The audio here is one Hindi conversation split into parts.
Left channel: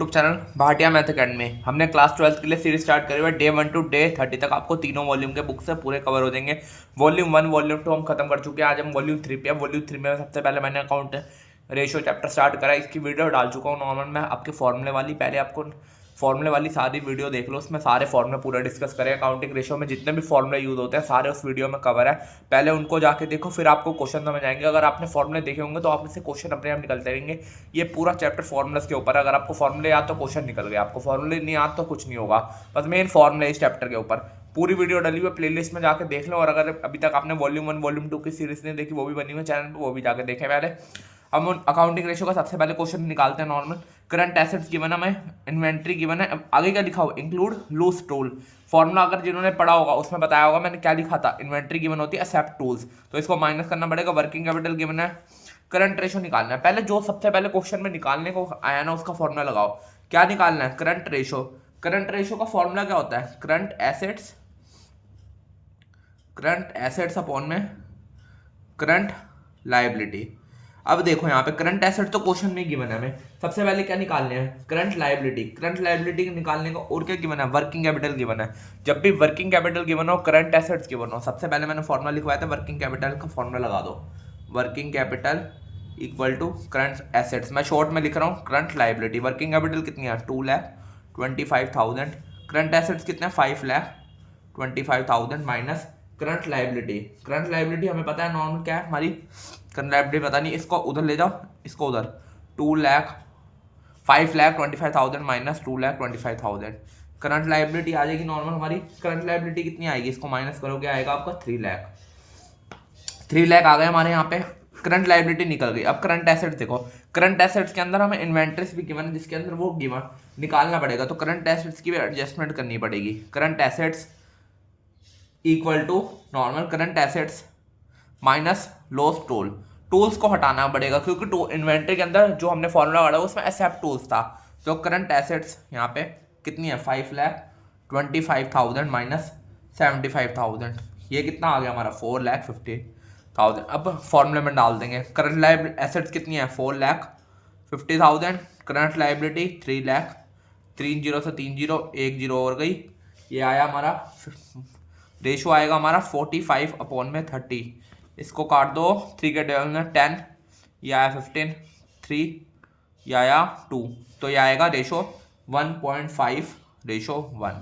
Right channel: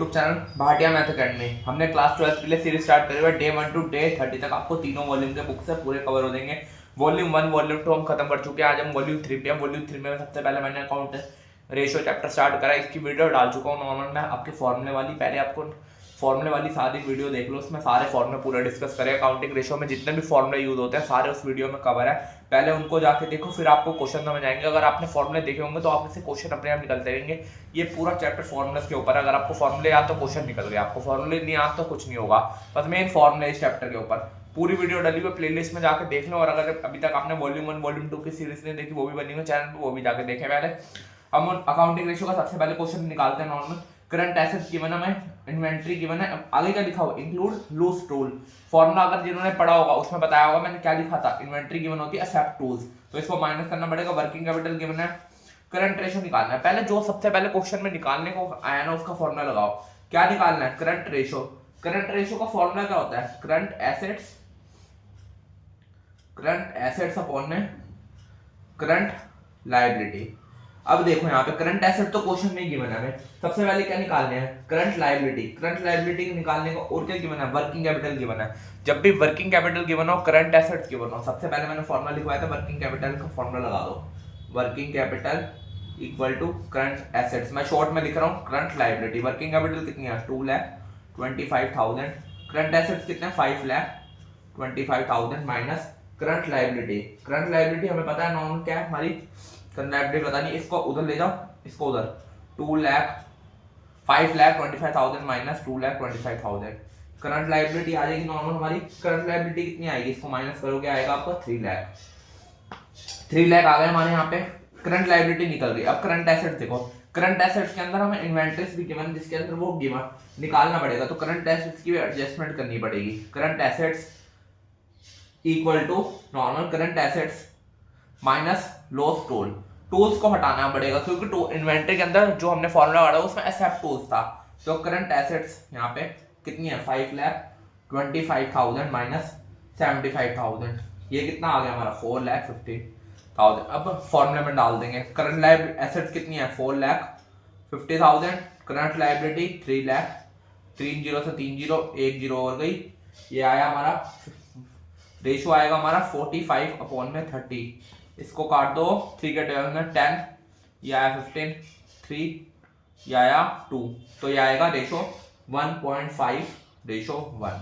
YouTube channel Bhatia math academy. हमने क्लास 12 के लिए सीरीज स्टार्ट करी हुई है। डे 1 टू डे 30 तक आपको तीनों वॉल्यूम के बुक से पूरे कवर हो जाएंगे। वॉल्यूम 1 वॉल्यूम 2 हम खत्म कर चुके हैं। आज हम वॉल्यूम 3 पे हैं। वॉल्यूम 3 में सबसे पहले मैंने अकाउंट रेशियो चैप्टर स्टार्ट करा। इसकी वीडियो डाल चुका हूँ नॉर्मल में आपके फॉर्मूले वाली। पहले आपको फॉर्मूले वाली सारी वीडियो देख लो, उसमें सारे फॉर्मूले पूरा डिस्कस करें। अकाउंटिंग रेशियो में जितने भी फॉर्मूले यूज होते हैं सारे उस वीडियो में कवर है। पहले उनको जाके देखो, फिर आपको क्वेश्चन समझ आएंगे। अगर आपने फॉर्मूले देखे होंगे तो आप इससे क्वेश्चन अपने आप निकलते रहेंगे। ये पूरा चैप्टर फॉर्मूले के ऊपर है। अगर आपको फॉर्मूले याद तो क्वेश्चन निकल गया, आपको फॉर्मूले नहीं याद तो कुछ नहीं होगा। बस मेन फॉर्मूले इस चैप्टर के ऊपर पूरी वीडियो डली हुई प्लेलिस्ट में जाके देख लो। और अगर अभी तक आपने वॉल्यूम 1 वॉल्यूम 2 की सीरीज नहीं देखी, वो भी बनी हुई चैनल पर, वो भी जाके देखें पहले। हम अकाउंटिंग रेशियो का सबसे पहले क्वेश्चन निकालते हैं नॉर्मल। करंट एसेट्स गिवन है, मैं इन्वेंट्री गिवन है। अब आगे क्या लिखा हो, इंक्लूड लूज टूल। फॉर्मूला अगर जिन्होंने पढ़ा होगा उसमें बताया होगा मैंने क्या लिखा था। इन्वेंट्री गिवन होती है एक्सेप्ट टूल्स, तो इसको माइनस करना पड़ेगा। वर्किंग कैपिटल गिवन है, करंट रेशियो निकालना है। पहले जो सबसे पहले क्वेश्चन में निकालने को आया ना उसका फॉर्मूला लगाओ। क्या निकालना है, करंट रेशियो। करंट रेशियो का फॉर्मूला क्या होता है, करंट एसेट्स अपॉन में करंट लायबिलिटी। अब देखो यहाँ पे करंट एसेट तो क्वेश्चन में गिवन है, हमें सबसे पहले क्या निकालने हैं, करंट लायबिलिटी। करंट लायबिलिटी निकालने को और क्या गिवन है, वर्किंग कैपिटल गिवन है। जब भी वर्किंग कैपिटल गिवन हो, करंट एसेट्स गिवन हो, सबसे पहले मैंने फॉर्मूला लिखवाया था, वर्किंग कैपिटल का फॉर्मूला लगा दो। Working capital equal to current assets. मैं शॉर्ट में लिख रहा हूँ करंट लायबिलिटी। वर्किंग कैपिटल कितनी है, 2,25,000। करंट एसेट्स कितने हैं, 5,25,000 minus current liability. Current liability हमें पता है नॉर्मल क्या है हमारी, करंट लायबिलिटी पता नहीं, इसको उधर ले जाओ, इसको उधर। 5,25,000 माइनस 2,25,000। करंट लायबिलिटी आ जाएगी नॉर्मल हमारी। करंट लायबिलिटी कितनी आएगी, इसको माइनस करोगे आएगा आपको 3 लाख आ गए हमारे यहाँ पे। करंट लायबिलिटी निकल गई। अब करंट एसेट देखो, करंट एसेट्स के अंदर हमें इन्वेंट्रीज भी गिवन, जिसके अंदर वो गिवन निकालना पड़ेगा, तो करंट एसेट्स की भी एडजस्टमेंट करनी पड़ेगी। Current assets equal to normal current assets minus loose tool. Tools को हटाना पड़ेगा क्योंकि इन्वेंट्री के अंदर जो हमने फॉर्मूला पढ़ा उसमें एक्सेप्ट टूल्स था। तो करंट एसेट्स यहाँ पे कितनी है, 5,25,000 माइनस 75,000। ये कितना आ गया हमारा, 4,50,000। अब फॉर्मूले में डाल देंगे। करंट लाइब एसेट्स कितनी है, 4,50,000। Current liability 3 lakh. 3 जीरो से 3 जीरो, 1 जीरो और गई। ये आया हमारा रेशो आएगा हमारा 45/30। इसको काट दो, 3 के टेबल में 10, ये आया 15, 3, ये आया 2, तो ये आएगा रेशो 1.5:1।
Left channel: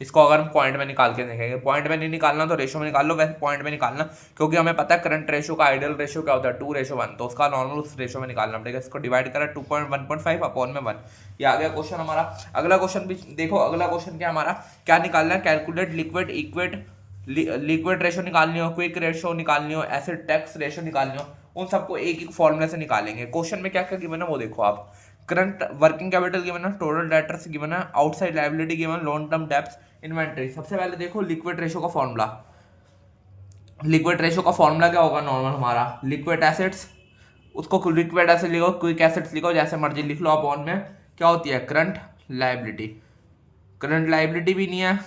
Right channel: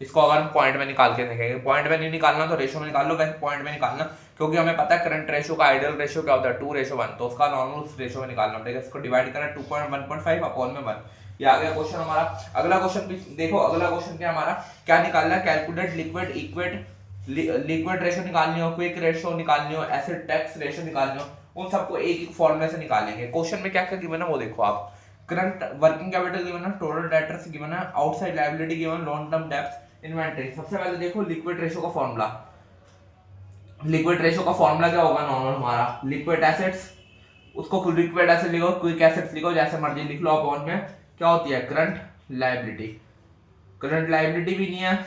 इसको अगर हम पॉइंट में निकाल के देखेंगे, पॉइंट में नहीं निकालना तो रेशो में निकाल लो, वैसे पॉइंट में निकालना, क्योंकि हमें पता है करंट रेशो का आइडियल रेशो क्या होता है, 2:1, तो उसका नॉर्मल उस रेशो में निकालना पड़ेगा। इसको डिवाइड करें 2.1.5 अपॉन में 1। ये आ गया क्वेश्चन हमारा। अगला क्वेश्चन भी देखो, अगला क्वेश्चन क्या हमारा, क्या निकालना है, कैलकुलेट लिक्विड रेशो निकालनी हो, क्विक रेशो निकालनी हो, एसिड टैक्स रेशो निकालनी हो, उन सबको एक एक फॉर्मूले से निकालेंगे। क्वेश्चन में क्या क्या गिवन है वो देखो आप। करंट वर्किंग कैपिटल गिवन है, टोटल डेटर्स गिवन है, outside liability given, long term debts, inventory. सबसे पहले देखो लिक्विड रेशो का फॉर्मूला। लिक्विड रेशो का फॉर्मूला क्या होगा नॉर्मल हमारा, लिक्विड एसेट्स, उसको लिक्विड एसेट लिखो, क्विक एसेट्स लिखो, जैसे मर्जी लिख लो। अपॉन में क्या होती है, करंट लायबिलिटी। करंट लायबिलिटी भी नहीं है,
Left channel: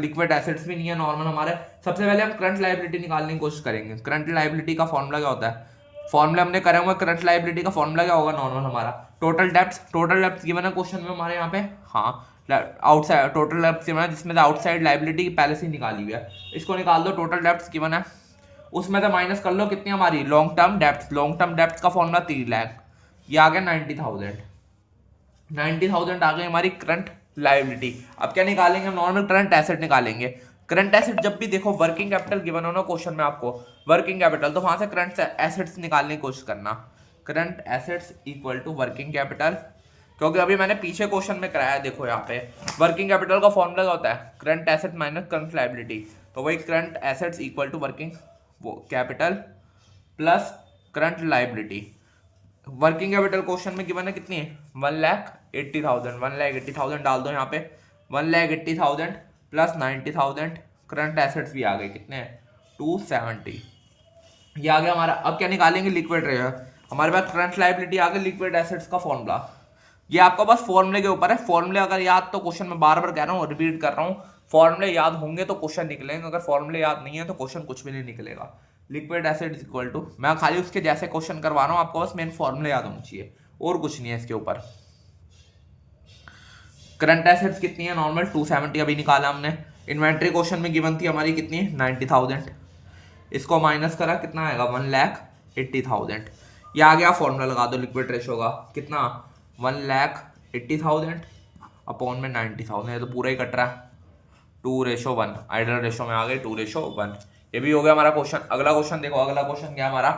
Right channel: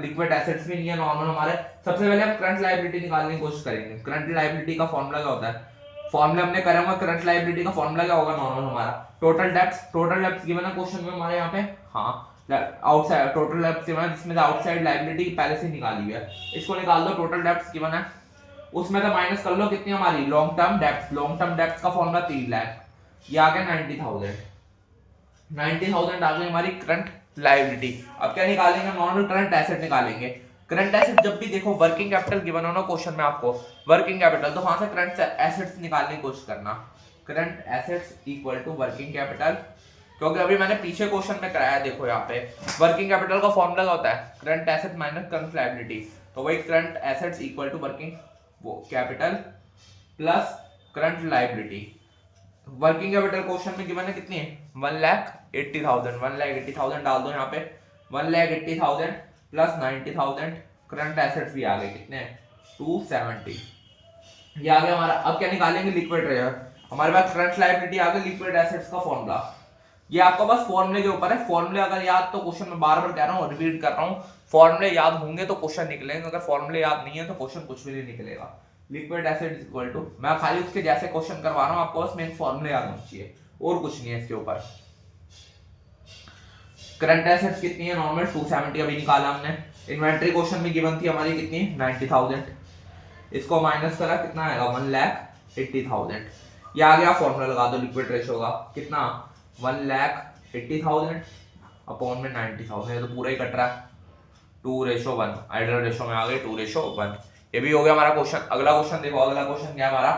लिक्विड एसेट्स भी नहीं है नॉर्मल हमारे। सबसे पहले हम करंट लायबिलिटी निकालने की कोशिश करेंगे। करंट लायबिलिटी का फॉर्मूला क्या होता है, फॉर्मूला हमने करे हुए। करंट लायबिलिटी का फॉर्मूला क्या होगा नॉर्मल हमारा, total debts. Total debts given है क्वेश्चन में हमारे यहाँ पे, हाँ, आउटसाइड टोटल डेब्ट्स गिवन है, जिसमें आउटसाइड लायबिलिटी पहले से निकाली हुई है, इसको निकाल दो। टोटल डेब्ट्स गिवन है, उसमें तो माइनस कर लो कितनी हमारी, long term debts. Long term debts का फॉर्मूला 3 लाख, ये आ गया 90,000। 90,000 आ गई हमारी करंट लायबिलिटी। अब क्या निकालेंगे, नॉर्मल करंट एसेट निकालेंगे। करंट एसेट जब भी देखो वर्किंग कैपिटल गिवन हो ना क्वेश्चन में आपको, वर्किंग कैपिटल, तो वहां से करंट एसेट्स निकालने की कोशिश करना। Current assets equal to working capital, क्योंकि अभी मैंने पीछे क्वेश्चन में कराया, देखो यहाँ पे वर्किंग कैपिटल का फॉर्मूला क्या होता है, current asset minus current liability. तो वही current assets equal to working capital plus current liability. Working capital question में गिवन है कितनी है, 1,80,000। 1,80,000 डाल दो यहाँ पे, 1,80,000 प्लस 90,000। करंट एसेट्स भी आ गए कितने, 270। ये आ गया हमारा। अब क्या निकालेंगे, लिक्विड रेशो। हमारे पास करंट लायबिलिटी आ गई, लिक्विड एसेट्स का फॉर्मूला। ये आपका बस फॉर्मूले के ऊपर है। फॉर्मूले अगर याद, तो क्वेश्चन में बार बार कह रहा हूँ, रिपीट कर रहा हूँ, फॉर्मूले याद होंगे तो क्वेश्चन निकलेंगे, अगर फॉर्मूले याद नहीं है तो क्वेश्चन कुछ भी नहीं निकलेगा। Liquid acid is equal to, मैं खाली उसके जैसे क्वेश्चन करवा रहा हूँ, आपको बस मेन फॉर्मूले याद होना चाहिए और कुछ नहीं है इसके ऊपर। करंट एसेट्स कितनी है नॉर्मल 270 अभी निकाला हमने। इन्वेंट्री क्वेश्चन में गिवन थी हमारी कितनी 90,000, इसको माइनस करा कितना आएगा 1,80,000। ये आ गया फॉर्मूला लगा दो लिक्विड रेशो का कितना 1,80,000 अपॉन में 90,000, ये तो पूरा ही कट रहा है 2:1, आइडल रेशो में आ गए 2:1। ये भी हो गया हमारा क्वेश्चन। अगला क्वेश्चन देखो, अगला क्वेश्चन क्या है हमारा,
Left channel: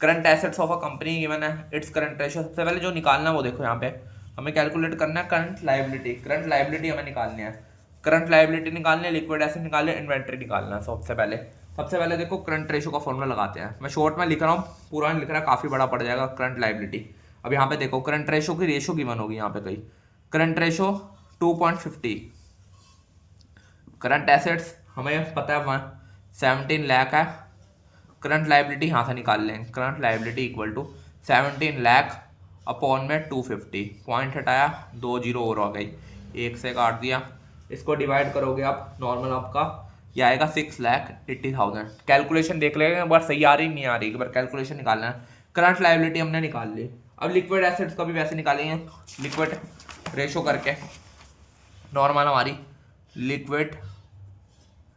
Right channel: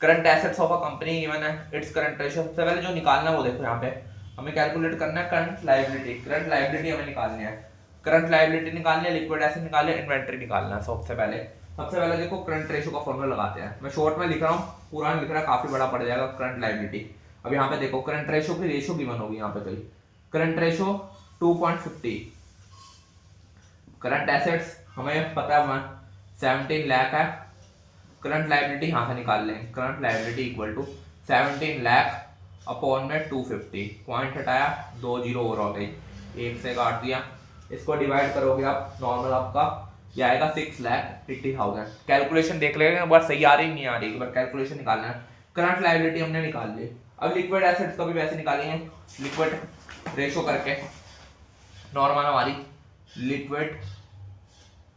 current assets of a company given है, इट्स करंट रेशो। सबसे पहले जो निकालना है वो देखो यहाँ पे हमें कैलकुलेट करना है करंट लायबिलिटी। करंट लायबिलिटी हमें निकालनी है, करंट लायबिलिटी निकालनी है, लिक्विड एसेट निकालनी है, इन्वेंटरी निकालना है। सबसे पहले देखो करंट रेशो का फॉर्मूला लगाते हैं। मैं शॉर्ट में लिख रहा हूँ, पूरा लिख रहा है, काफी बड़ा पड़ जाएगा करंट लायबिलिटी। अब यहाँ पे देखो करंट रेशो की रेशो गिवन होगी यहाँ पे कहीं, करंट रेशो 2.50, करंट एसेट्स हमें पता है 17 लाख है, करंट लायबिलिटी यहाँ से निकाल लें, current liability equal to 17 lakh upon में 250, पॉइंट हटाया 2 जीरो और हो गई, एक से काट दिया, इसको डिवाइड करोगे आप नॉर्मल आपका ये आएगा 6,80,000। कैलकुलेशन देख लेंगे एक बार सही आ रही नहीं आ रही, एक बार कैलकुलेशन निकालना है। करंट लायबिलिटी हमने निकाल ली। अब लिक्विड एसेट्स का भी वैसे निकालेंगे, लिक्विड रेशो करके नॉर्मल हमारी लिक्विड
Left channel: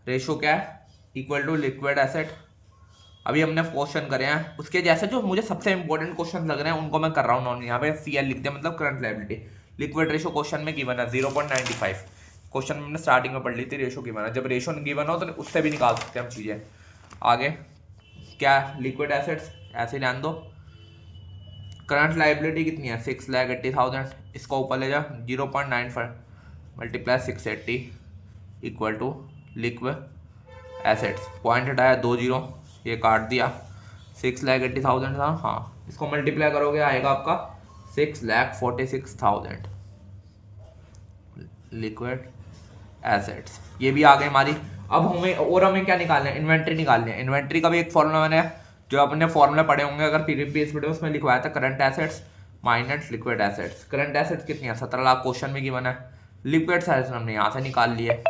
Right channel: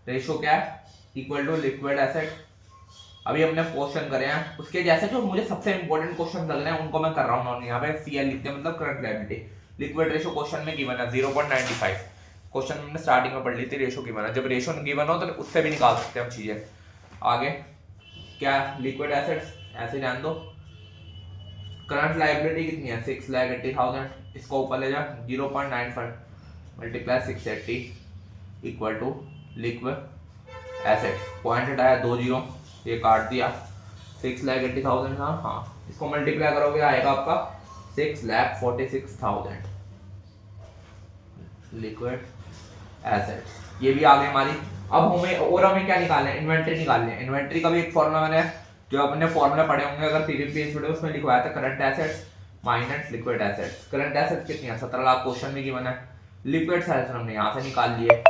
रेशो क्या है इक्वल टू लिक्विड एसेट। अभी हमने क्वेश्चन करे हैं उसके जैसे जो मुझे सबसे इंपॉर्टेंट क्वेश्चन लग रहे हैं उनको मैं कर रहा हूँ, यहाँ पे CL लिखते हैं मतलब current liability. Liquid ratio question में गिवन है 0.95, क्वेश्चन हमने स्टार्टिंग में पढ़ ली थी, रेशो गिवन है। जब रेशो गिवन हो तो उससे भी निकाल सकते हैं हम चीजें। आगे क्या लिक्विड एसेट्स ऐसे ध्यान दो, करंट लायबिलिटी कितनी है 6,80,000, इसको ऊपर ले जा 0.95 multiply 680 equal to liquid assets, point हटाया 2 जीरो, ये काट दिया 6,80,000 था, हाँ इसको मल्टीप्लाई करोगे आएगा आपका 6,46,000 लिक्विड एसेट्स। ये भी आ गए हमारी। अब हमें क्या निकालना है, इन्वेंट्री निकालनी है। इन्वेंट्री का भी एक फॉर्मूला मैंने जो अपने फॉर्मूला पढ़े होंगे अगर प्रीवियस वीडियो उसमें लिखवाया था, current assets minus liquid assets. Current assets कितनी है 17 लाख क्वेश्चन में गिवन है, लिक्विड एसेट्स हमने यहाँ से निकाल लिए,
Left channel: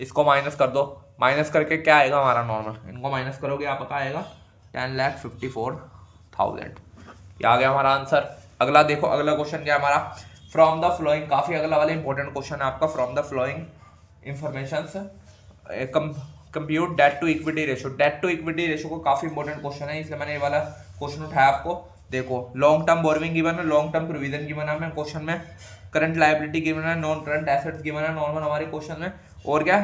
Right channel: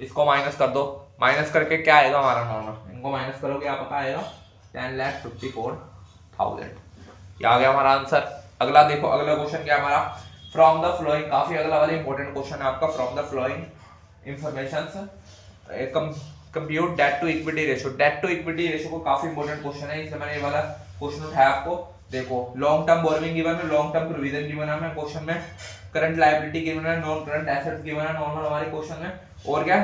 इसको माइनस कर दो, माइनस करके क्या आएगा हमारा नॉर्मल, इनको माइनस करोगे आपका आएगा 10,54,000। ये आ गया हमारा आंसर। अगला देखो, अगला क्वेश्चन क्या है हमारा, फ्रॉम द फ्लोइंग, काफी अगला वाला इंपॉर्टेंट क्वेश्चन है आपका, from the flowing informations compute debt to equity ratio. Debt to equity ratio को काफी इंपॉर्टेंट क्वेश्चन है, इसलिए मैंने ये वाला क्वेश्चन उठाया आपको। देखो लॉन्ग टर्म बोरोइंग गिवन है, लॉन्ग टर्म प्रोविजन गिवन है क्वेश्चन में, करंट लायबिलिटी गिवन है, नॉन करंट एसेट्स गिवन है नॉर्मल हमारे क्वेश्चन में, और क्या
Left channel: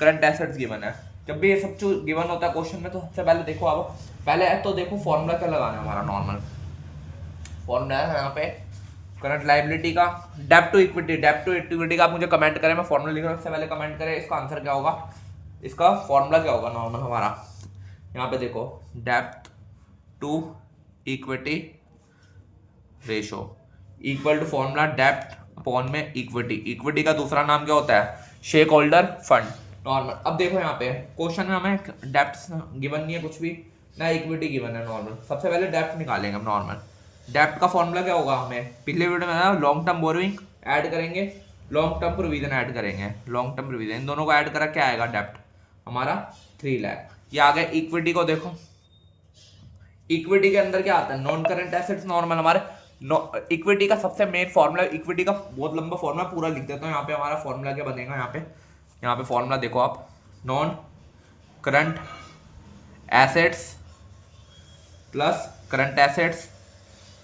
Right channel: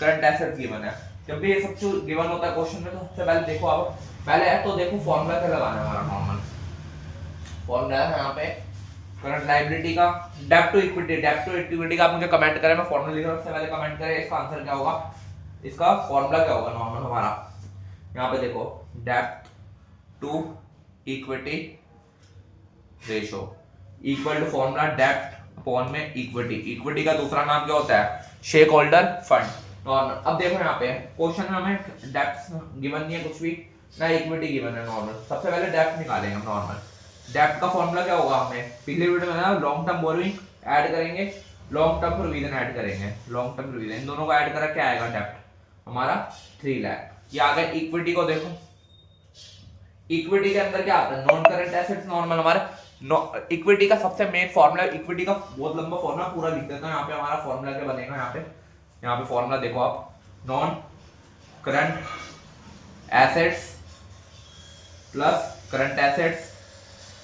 करंट एसेट्स गिवन है। जब भी ये सब चीज गिवन होता है क्वेश्चन में तो सबसे पहले देखो आप, पहले तो देखो फॉर्मूला क्या लगाना है हमारा, नॉर्मल फॉर्मूला है यहाँ पे करंट लायबिलिटी का डेब्ट टू इक्विटी। डेब्ट टू इक्विटी का आप मुझे कमेंट करें, मैं फॉर्मूला लिख रहा हूँ, उससे पहले कमेंट करें इसका आंसर क्या होगा, इसका फॉर्मूला क्या होगा नॉर्मल हमारा। यहाँ पे देखो डेब्ट to equity ratio equal to formula डेब्ट अपॉन में इक्विटी। इक्विटी का दूसरा नाम क्या होता है शेयर होल्डर फंड नॉर्मल। अब देखो यहाँ पे क्वेश्चन में हमें डेब्ट गिवन नहीं है कुछ भी ना, इक्विटी गिवन है नॉर्मल। सबसे पहले डेब्ट निकालेंगे हम नॉर्मल। डेब्ट का फॉर्मूला क्या होगा, हमें पिछले वीडियो में ना लॉन्ग टर्म बोरोइंग ऐड करेंगे, लॉन्ग टर्म प्रोविजन ऐड करेंगे, लॉन्ग टर्म प्रोविजन इन दोनों को ऐड करा क्या आएगा डेब्ट हमारा 3 लाख। ये आ गया इक्विटी को देखो, इक्विटी के अंदर क्या आता है नॉन करंट एसेट्स नॉर्मल हमारे। इक्विटी का सबसे मेन फॉर्मूला, इक्विटी का बहुत लंबा फॉर्मूला पूरा लिख देता हूँ यहाँ पे। हमारा फॉर्मूला क्या बनेगा यहाँ पे फॉर्मूला देखो आप, non current assets plus current assets,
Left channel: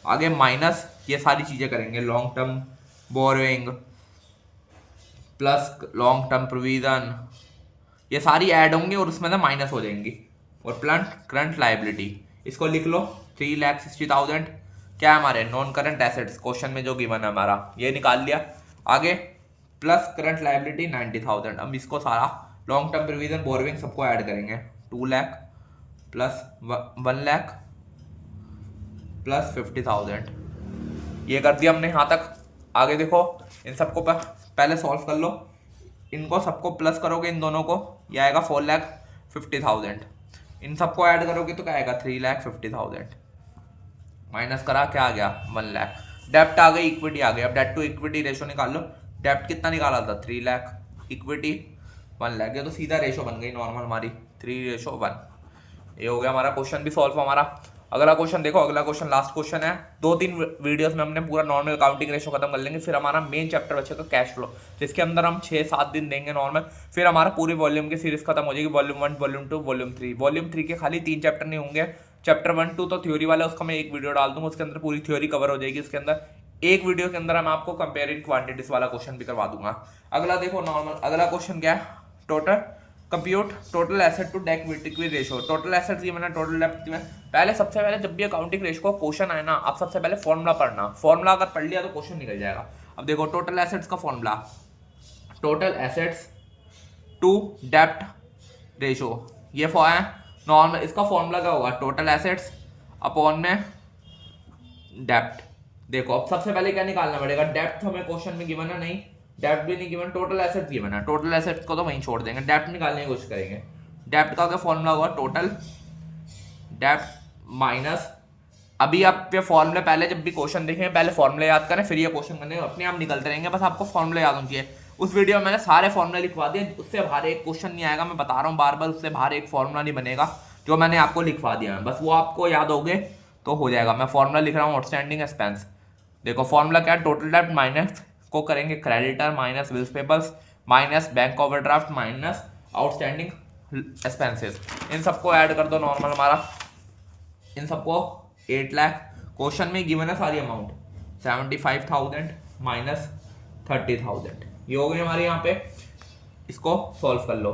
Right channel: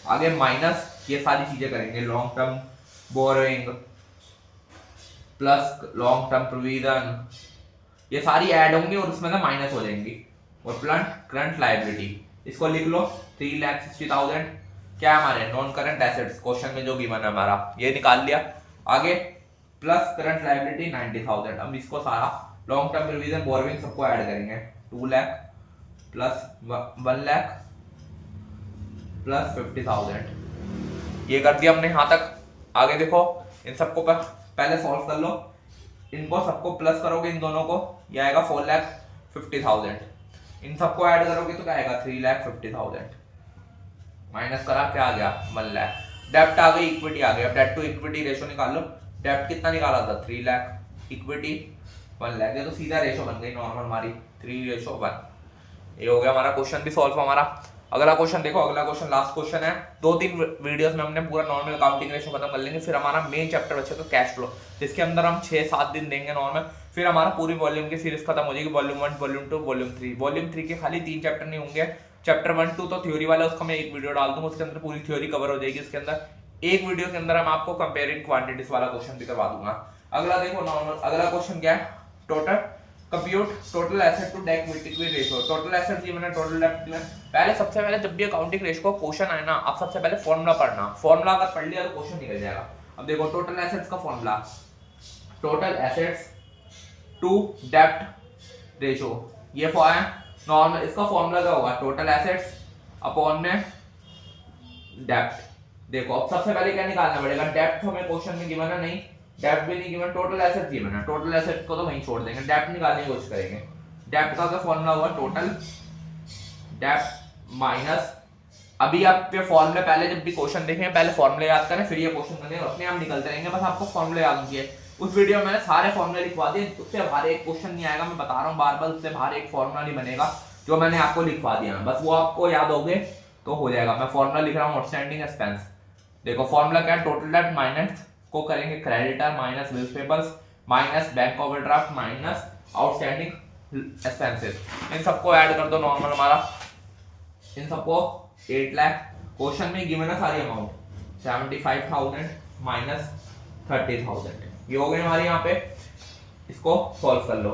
आगे माइनस ये सारी चीजें करेंगे, long term borrowing plus long term provision, ये सारी ऐड होंगी और उसमें ना माइनस हो जाएंगी, और प्लस करंट लायबिलिटी इसको लिख लो 3,60,000 क्या हमारे नॉन करंट एसेट्स क्वेश्चन में जो गिवन है हमारा, ये निकाल लिया। आगे प्लस करंट लायबिलिटी 90,000। अब इसको सारा लॉन्ग टर्म प्रोविजन बोरोइंग सबको ऐड करेंगे, 2 लाख प्लस 1 लाख प्लस 50,000, ये कर दिया हमने यहाँ तक। आगे देखो इन सबको पहले सॉल्व कर लो, इनको सबको प्लस करोगे इन दोनों को, ये आएगा 4,50,000। इन सबको ऐड करोगे तो क्या आएगा 3,50,000, माइनस करा क्या आ गया 1 लाख। डेब्ट आ गई, इक्विटी आ गई। अब डेब्ट टू इक्विटी रेशो निकाल लो। डेब्ट कितना निकाला था 3 लाख, इक्विटी 1 लाख, ये तो सीधा रेशो बन गई नॉर्मल हमारी 3:1। ये हो गया हमारा क्वेश्चन भी सॉल्व हमारा। अगला क्वेश्चन देखो, अगला क्वेश्चन लास्ट क्वेश्चन है। 2-3 वीडियोस में हमने पूरा नॉर्मल अकाउंटिंग रेशियो खत्म कर लेंगे, फिर हमारा मेन चैप्टर बचेगा कैश फ्लो, जिसके अंदर हम 6-7 दिन देंगे नॉर्मल। फिर हमारा पूरी वॉल्यूम की सीरीज खत्म हो जाएगी, वॉल्यूम 1, वॉल्यूम 2, वॉल्यूम 3। वॉल्यूम 3 के खाली 3 चैप्टर नहीं होंगे, चैप्टर 1, 2 तो थ्योरी वाला, उसका मैं एक वीडियो डाल दूंगा, उसके अंदर पूरी थ्योरी कवर हो जाएगी। उसके अंदर एक वीडियो के अंदर हम आपको कंपेयरिंग क्वांटिटीज वाला क्वेश्चन भी करवा दूंगा। अगला देखो नॉर्मल, अगला क्वेश्चन क्या है, total compute total asset to debt equity ratio. Total asset की मैंने टोटल डेट में, पहले सबसे पहले जब भी अकाउंटिंग रेशियो का क्वेश्चन आए ना, आप सबसे पहले फॉर्मूला पढ़ना। फॉर्मूला अगर पढ़ लिया तो क्वेश्चन निकल जाएगा। अब देखो टोटल एसेट्स का फॉर्मूला, टोटल एसेट्स टू डेप्ट रेशियो, ये है नॉर्मल। इसका फॉर्मूला क्या होगा, टोटल एसेट्स अपॉन में डेप्ट। देखो अब सबसे पहले क्या निकालना पड़ेगा, डेप्ट हमें क्वेश्चन में गिवन है नहीं, डेप्ट भी नहीं गिवन, टोटल एसेट गिवन है। टोटल एसेट्स को तो वहीं छोड़ देंगे, डेप्ट निकालने की कोशिश करेंगे। डेप्ट का क्या फॉर्मूला होगा, टोटल डेप्ट माइनस, अभी आप ये फॉर्मूले पहले जब भी क्वेश्चन देखें पहले फॉर्मूले याद करें, फिर ये क्वेश्चन करने अपने आप निकलते रहेंगे, बस आपको फॉर्मूले याद होनी चाहिए। उस वीडियो में मैंने सारे फॉर्मूले लिखवा दिए, उससे बाहर एक क्वेश्चन नहीं आएगा, मैं बता रहा हूँ बार बार, उससे बाहर एक फॉर्मूला नहीं बनेगा जो मैंने आपको लिखवा दिया है, बस वो आपको याद हो गए तो हो जाएगा। मैं फॉर्मूला लिख रहा हूँ, आउटस्टैंडिंग एक्सपेंस। देखो फॉर्मूला क्या है, टोटल डेट माइनस को करेंगे creditor minus bills payables minus bank overdraft minus outstanding expenses, इन सबको ऐड कर दो नॉर्मल हमारा, इन सबको 8 लाख। क्वेश्चन में गिवन है सारी अमाउंट, 75,000 माइनस 30,000, ये हो गई हमारे यहाँ पे, इसको सॉल्व कर लो।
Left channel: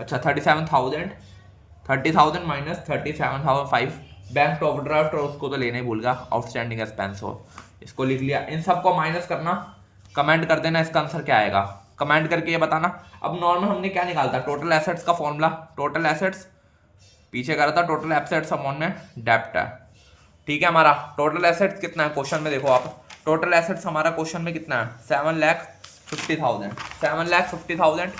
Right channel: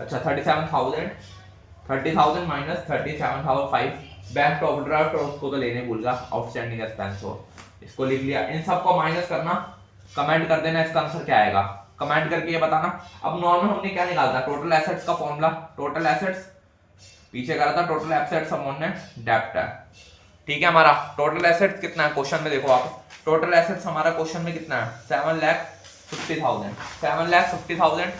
अच्छा 30,000 माइनस 37,500 बैंक ओवरड्राफ्ट, और उसको तो लेने भूल गया, आउटस्टैंडिंग एक्सपेंस हो, इसको लिख लिया। इन सबको माइनस करना, कमेंट कर देना इसका आंसर क्या आएगा, कमेंट करके ये बताना। अब नॉर्मल हमने क्या निकाला था, टोटल एसेट्स का फॉर्मूला, टोटल एसेट्स पीछे करा था, टोटल एसेट्स अपॉन में डेप्ट है, ठीक है। हमारा टोटल एसेट्स कितना है क्वेश्चन में, देखो आप टोटल एसेट्स हमारा क्वेश्चन में कितना है, 7,50,000,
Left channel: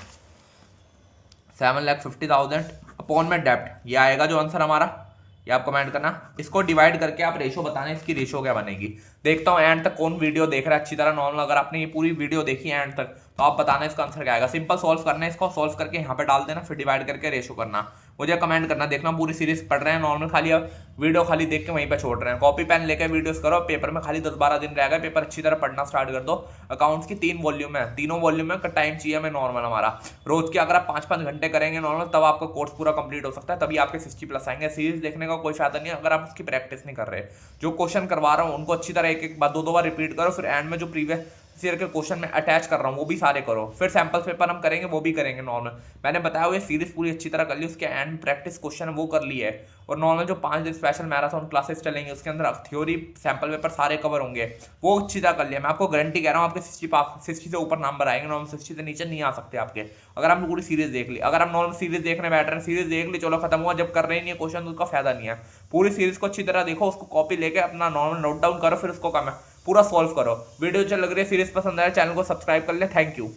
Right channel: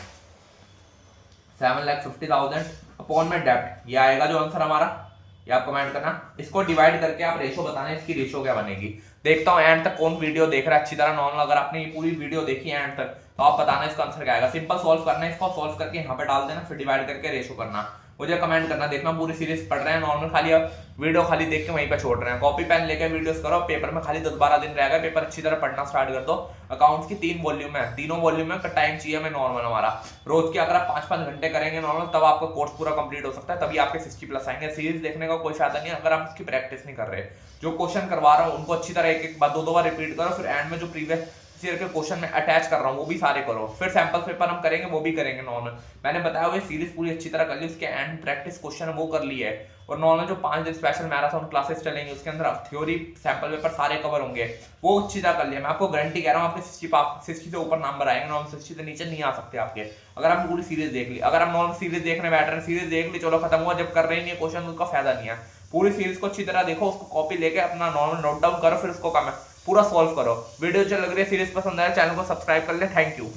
7,50,000 अपॉन में डेप्ट, ये आएगा जो आंसर हमारा, ये आप कमेंट करना। इसको डिवाइड करके आप रेशो बताना, इसकी रेशो क्या बनेगी। देखता हूँ एंड तक कौन वीडियो देख रहा है अच्छी तरह नॉर्मल, अगर आपने ये पूरी वीडियो देखी है एंड तक तो आप बताना इसका आंसर क्या आएगा। सिंपल सॉल्व करना है, इसको सॉल्व करके यहाँ पे डाल देना, फिर डिवाइड करके रेशो करना, मुझे कमेंट करना। देखना पूरी सीरीज पढ़ रहे हैं नॉर्मल, खाली अब वीडियो खाली देख के वहीं पे छोड़ रहे हैं, कॉपी पेन लेके वीडियोस करो। पेपर में खाली 10-12 दिन रहेगा, पेपर अच्छी तरह पढ़ना स्टार्ट कर दो। अकाउंट्स की 3 वॉल्यूम है, तीनों वॉल्यूम में टाइम चाहिए हमें नॉर्मल हमारा, रोज के अगर आप 5-5 घंटे करेंगे नॉर्मल, तब आपका कोर्स पूरा कंप्लीट हो सकता है, तभी आपके 60+ आएंगे। सीरीज देखने का कोई फायदा नहीं है अगर आप उसकी प्रैक्टिस नहीं कर रहे। जो क्वेश्चन करवा रहा हूँ उनको अच्छी तरह एक बार 2-2 बार रिपीट करो, फिर एंड में जो प्रीवियस ईयर के क्वेश्चन में अटैच कर रहा हूँ वो भी सारे करो, फिर सैंपल पेपर हम करेंगे वो भी करेंगे नॉर्मल। मैंने बताया हुआ सीरीज पूरी अच्छी तरह कर ली, उसके एंड प्रैक्टिस क्वेश्चन है वो कर ली है, और नॉर्मल जो 5 दिन स्पेशल मैराथन क्लासेस चलेंगे उसके अंदर थ्योरी सैंपल पेपर सारे कवर होंगे, वो अच्छी तरह कर लिया। मैं आपको गारंटी कह रहा हूँ आपके 60 से ऊपर नंबर आएंगे, नॉर्मल 60 से नीचे नहीं आ सकते आपके, अगर आपने पूरी सीरीज देख ली। अगर आप नॉर्मल सीरीज देखने बैठ रहे हैं, सीरीज देख ली चलो खत्म हुआ, जब कर रहे नहीं क्वेश्चन उसका फायदा नहीं है। पूरी सीरीज को अच्छी तरह देखो, उसको कॉपी लेके अपना नॉर्मल नोट डाउन करो, फिर उसको पूरा सॉल्व करो। वीडियो अच्छा लग रही है, सीरीज पसंद आया, चैनल को सब्सक्राइब कर ले। Thank you.